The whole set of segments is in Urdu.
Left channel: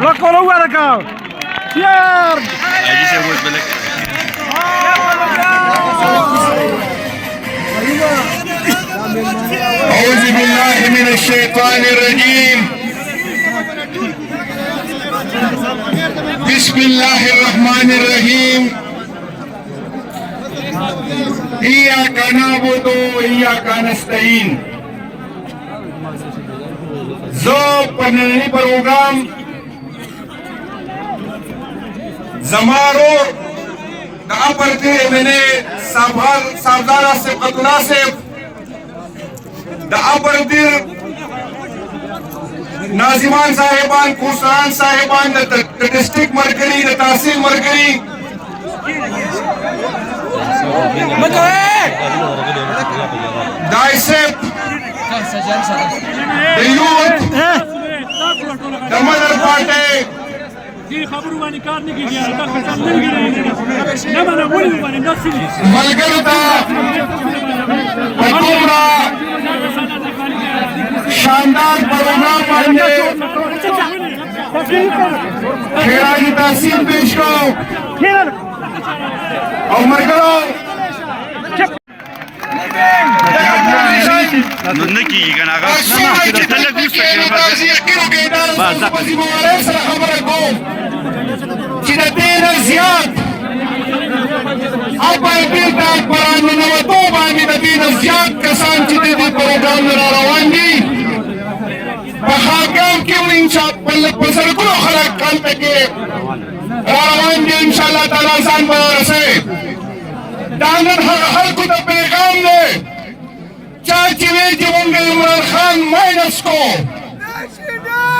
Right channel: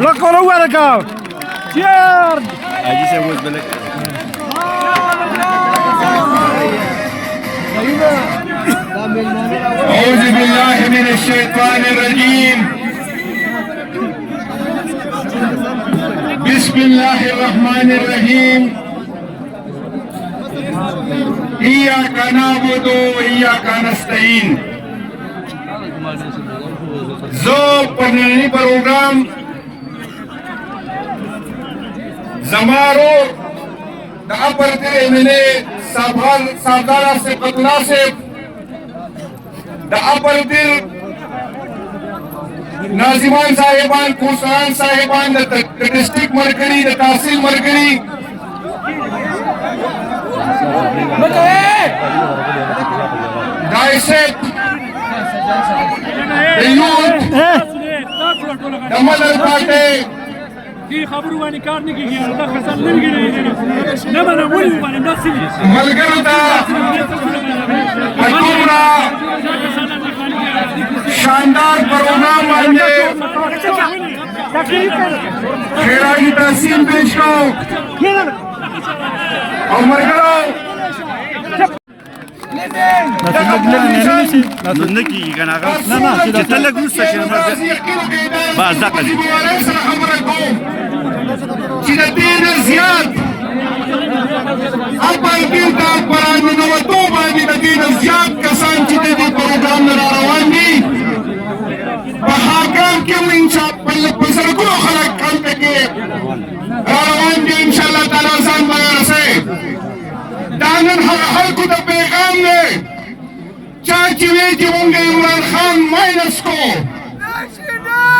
وكلوا ورقة يار اجي سويت بالك أعوذ بالله من الشيطان الرجيم بسم الله الرحمن الرحيم إياك نعبد وإياك نستعين زو پنانی پروگرام زمارو دا اپرتر امنے سردار سبقت ناصف دا اپرتر ناظمان صاحبان کورسران صاحبان دا ڈسٹرکٹ مرکزی دا تحصیل مرکزی دا ایسپ دا یوت دا مدر پارٹے ملگرتا پدومرا شاندار پروگرام باندے خیرائی تحسین پیش کرو اور مرگلو نکی کنا کا دین زیاد اپن بیلتا پران نوتو باندې د دین زیاد کسان چې د پروګرام را روان دي په حاکم کې انشاء الله په سرکو خلک کال پکې را روان دي ان شاء الله تعالی ځان به رسې دانن خلکو ته پیغام دی چا چې وی چې مونږ عمران خان ماینس کو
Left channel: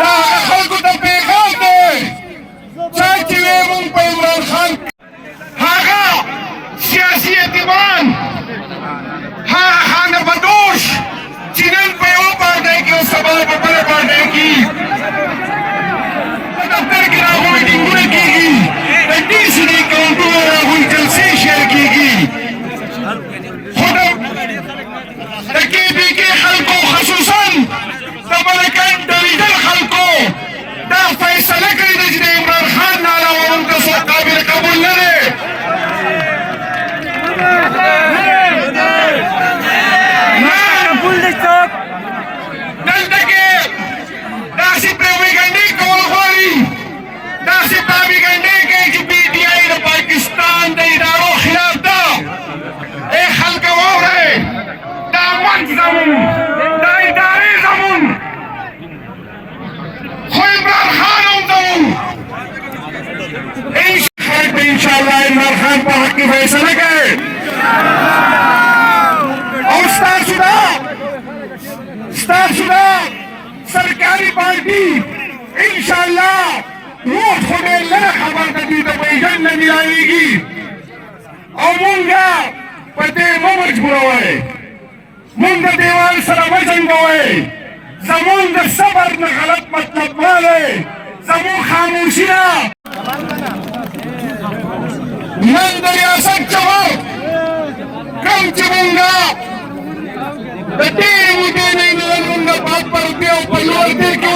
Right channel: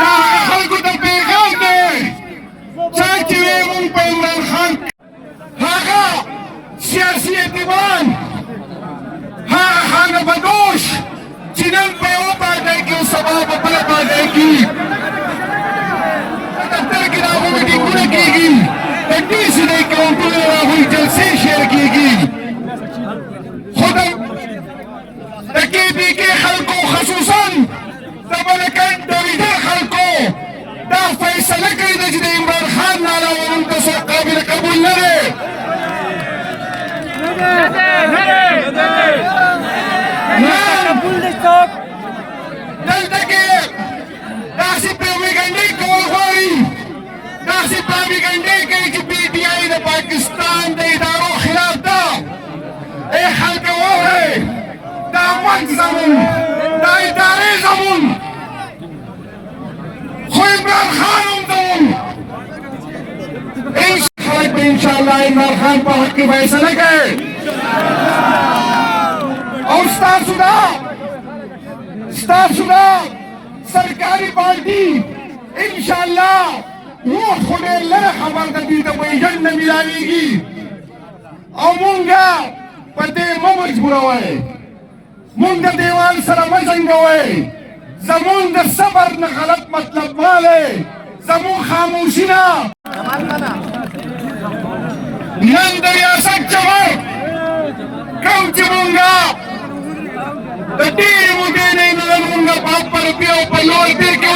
دا خلکو ته پیغام دی چاچی وی مونږ په عمران خان هغه سیاسي اعتماد هغه خانه بدوش چې نن په یو پارټۍ کې او سبا په بله پارټۍ کې په دفتر کې راغو میټینګونه کېږي د ډي سي د اکاونټونو راغوی جلسې شیر کېږي خو د کې بي کې خلکو خصوصا د ملکن ډریدل خلکو دا فیصله کړې ده چې د عمران خان نه علاوه موږ ته څوک قابل قبول نه دی دلته کې داسې پروپاګانډې کول غواړي داسې پروپاګانډې کوي چې پي ټي آی د پاکستان د ادارو خلاف ده ای خلکو واورئ دا منځ زموږ دا ادارې زموږ خو عمران خان هم زموږ انشاءالله عمران خان په حق کې فیصله کوي او ستاسو دا سرکاري پارټي انشاءالله ووټ خو ډېر لږه خبر ده دوی ته پیژند نه میلاویږي او مونږ په دې مه مجبوروئ مونږ د دیوال سره مه جنګوئ زمونږ د صبر نه غلط مطلب والی زمونږ خاموشي نه نن د ریاست چمر کوم چې مونږه د ډېرې مودې نه مونږ په روپیو په لوړ تېر کې